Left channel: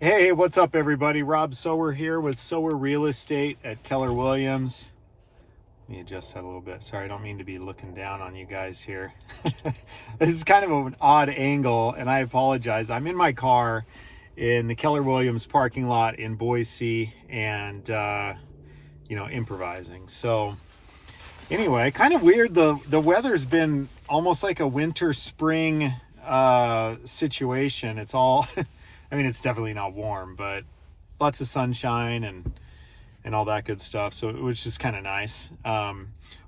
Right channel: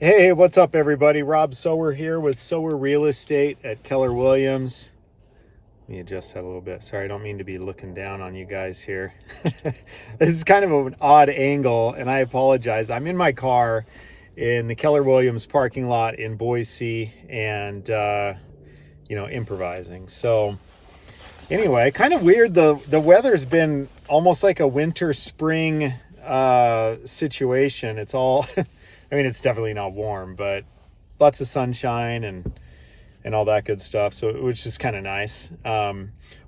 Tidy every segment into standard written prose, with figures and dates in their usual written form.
Hey, what's up, everybody? Rob Sower here with Sower Real Estate at Keller Williams. Let me adjust that a little bit. Sorry, I don't mean to be looking down on you guys here. This is kind of an odd angle, and I apologize. I'm in my car in the Keller Williams parking lot in Boise and, improvising. So, anyway, kind of weird. The weather's been almost like a winter spring situation. It's all I mean, it's definitely not warm, but lots of sunshine and all that good stuff. So it was just kind of nice.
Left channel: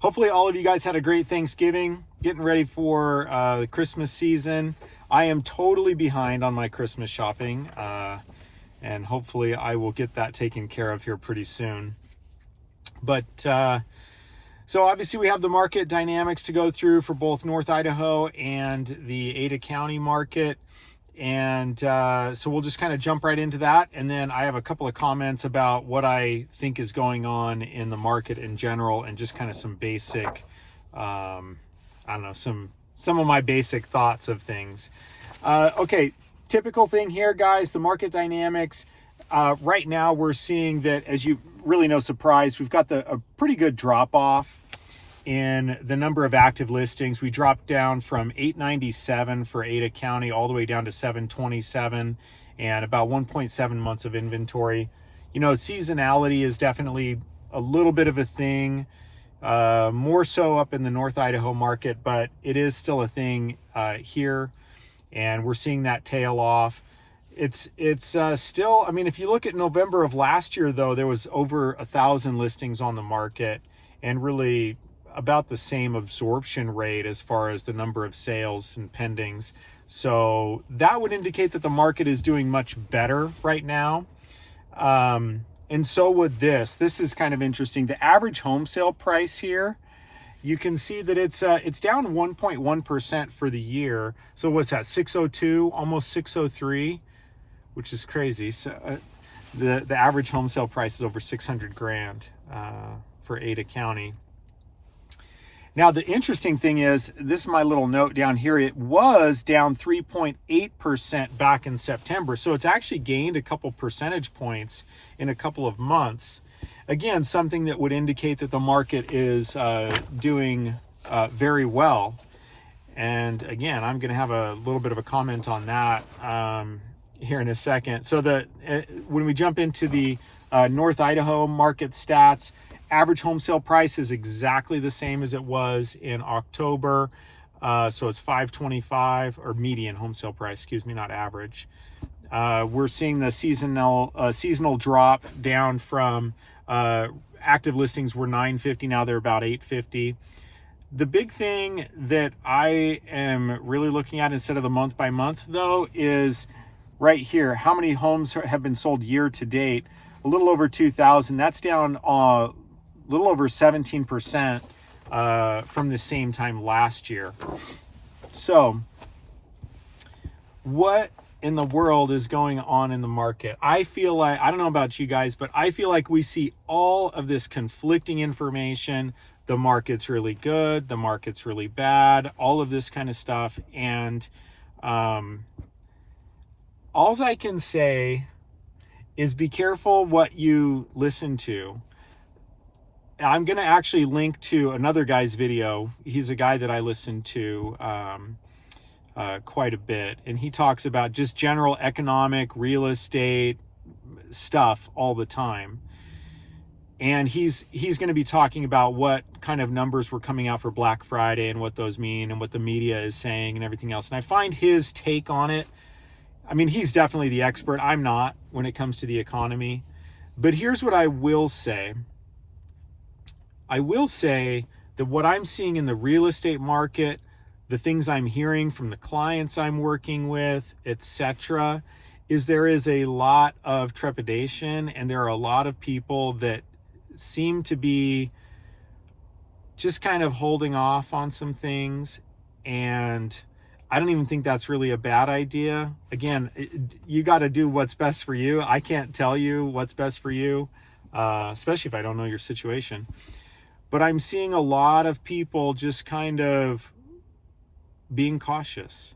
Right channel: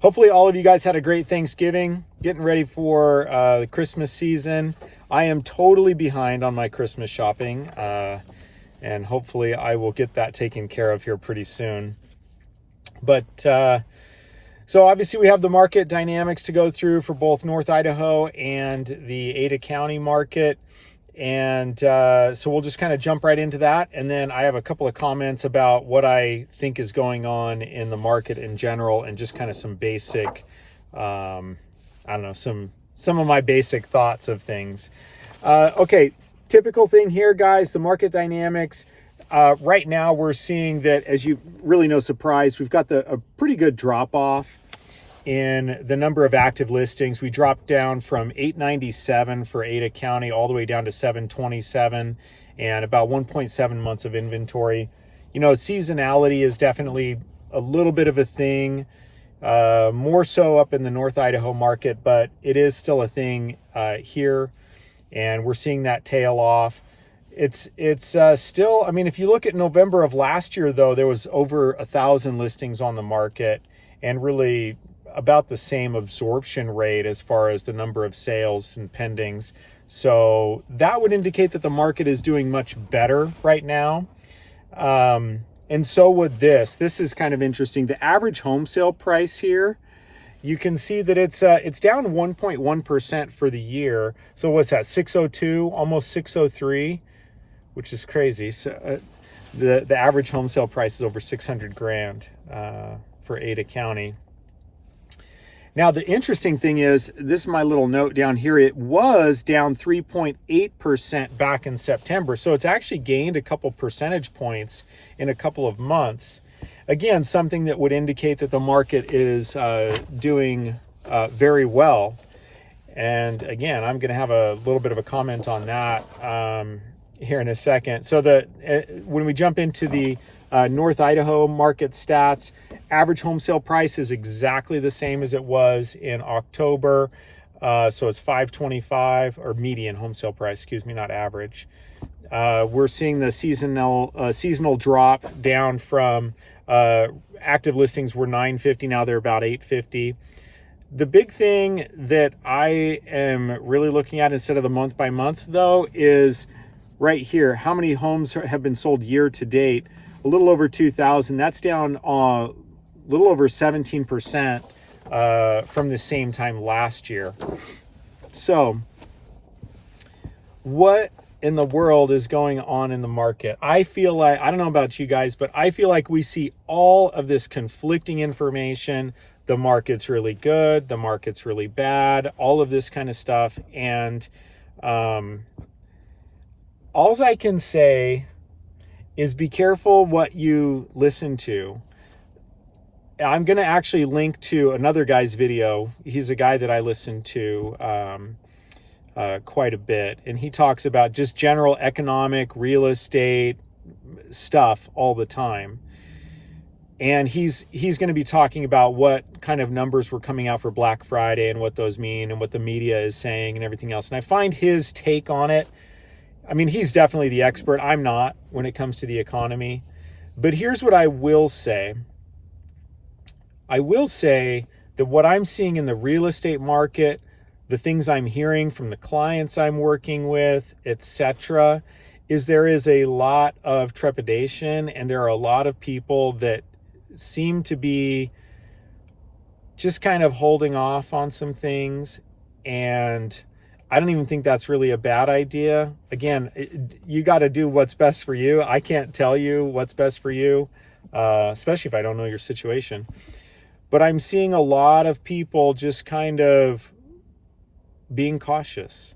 Hopefully all of you guys had a great Thanksgiving, getting ready for the Christmas season. I am totally behind on my Christmas shopping, and hopefully I will get that taken care of here pretty soon. But so obviously we have the market dynamics to go through for both North Idaho and the Ada County market. And so we'll just kind of jump right into that. And then I have a couple of comments about what I think is going on in the market in general and just kind of some basic, some of my basic thoughts of things. Okay, typical thing here, guys, the market dynamics. Right now we're seeing that, as you really no surprise, we've got a pretty good drop off in the number of active listings. We dropped down from 897 for Ada County all the way down to 727 and about 1.7 months of inventory. You know, seasonality is definitely a little bit of a thing, more so up in the North Idaho market, but it is still a thing here, and we're seeing that tail off. It's still, I mean, if you look at November of last year, though, there was over 1,000 listings on the market and really about the same absorption rate as far as the number of sales and pendings. So that would indicate that the market is doing much better right now. And so would this. This is kind of interesting. The average home sale price here, you can see that it's down 1.1% for the year. So what's that? 602, almost 603, which is crazy. So the average home sale price is over 600 grand for Ada County. Now, the interesting thing is, this is my little note down here, it was down 3.8% back in September. So it's actually gained a couple percentage points in a couple of months. Again, something that would indicate that the market is doing very well. And again, I'm going to have a little bit of a comment on that here in a second. So when we jump into the North Idaho market stats, average home sale price is exactly the same as it was in October. So it's 525, or median home sale price, excuse me, not average. We're seeing the seasonal drop down from active listings were 950, now they're about 850. The big thing that I am really looking at instead of the month by month, though, is right here. How many homes have been sold year to date? A little over 2,000. That's down a little over 17% from the same time last year. So what in the world is going on in the market? I feel like, I don't know about you guys, but I feel like we see all of this conflicting information. The market's really good, the market's really bad, all of this kind of stuff. And all I can say is be careful what you listen to. I'm going to actually link to another guy's video. He's a guy that I listen to quite a bit, and he talks about just general economic, real estate stuff all the time. And he's going to be talking about what kind of numbers were coming out for Black Friday and what those mean and what the media is saying and everything else. And I find his take on it, I mean, he's definitely the expert. I'm not when it comes to the economy. But here's what I will say. I will say that what I'm seeing in the real estate market, the things I'm hearing from the clients I'm working with, etc., is there is a lot of trepidation, and there are a lot of people that seem to be just kind of holding off on some things. And I don't even think that's really a bad idea. Again, you got to do what's best for you. I can't tell you what's best for you, especially if I don't know your situation. But I'm seeing a lot of people just kind of being cautious.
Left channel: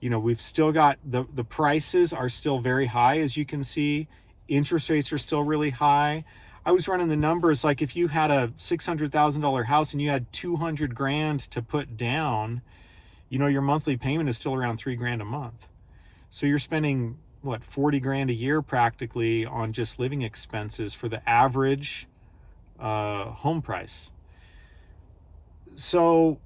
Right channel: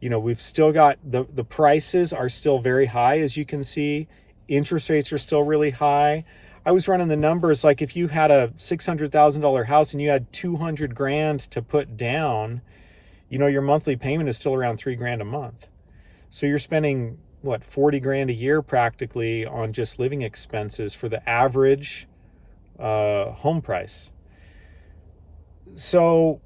You know, we've still got the prices are still very high, as you can see. Interest rates are still really high. I was running the numbers, like if you had a $600,000 house and you had 200 grand to put down, you know, your monthly payment is still around $3 grand a month. So you're spending what, 40 grand a year practically on just living expenses for the average home price. So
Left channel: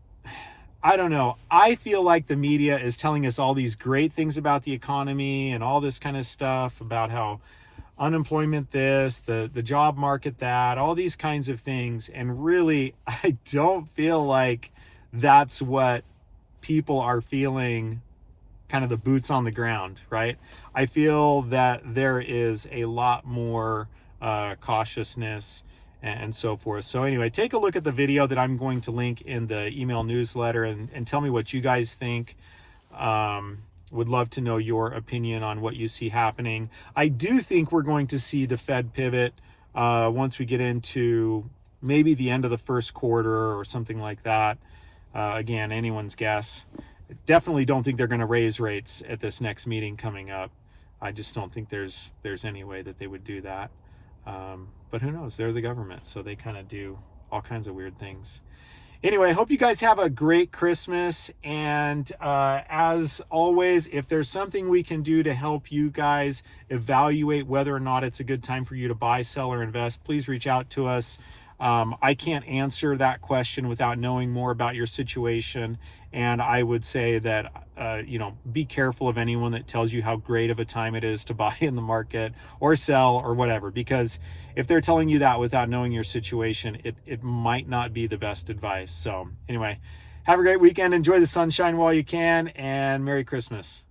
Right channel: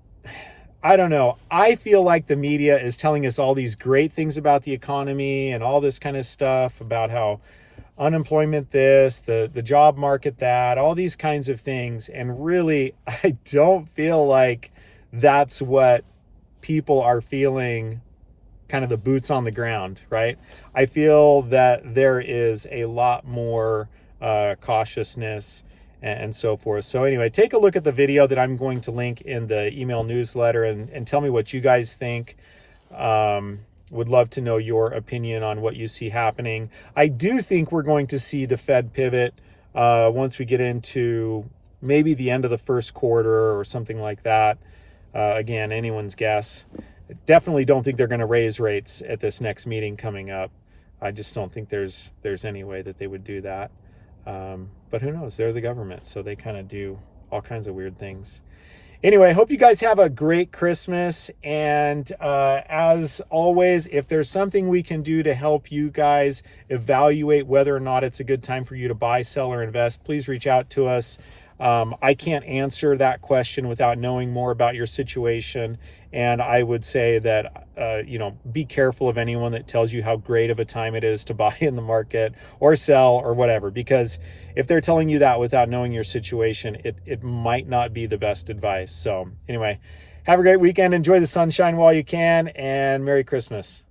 I don't know. I feel like the media is telling us all these great things about the economy and all this kind of stuff about how unemployment this, the job market that, all these kinds of things. And really, I don't feel like that's what people are feeling, kind of the boots on the ground, right? I feel that there is a lot more cautiousness and so forth. So anyway, take a look at the video that I'm going to link in the email newsletter and tell me what you guys think. Would love to know your opinion on what you see happening. I do think we're going to see the Fed pivot once we get into maybe the end of the first quarter or something like that. Again, anyone's guess. Definitely don't think they're going to raise rates at this next meeting coming up. I just don't think there's any way that they would do that. But who knows? They're the government, so they kind of do all kinds of weird things. Anyway, I hope you guys have a great Christmas. And as always, if there's something we can do to help you guys evaluate whether or not it's a good time for you to buy, sell, or invest, please reach out to us. I can't answer that question without knowing more about your situation. And I would say that, be careful of anyone that tells you how great of a time it is to buy in the market or sell or whatever, because if they're telling you that without knowing your situation, it might not be the best advice. So anyway, have a great weekend. Enjoy the sunshine while you can, and Merry Christmas.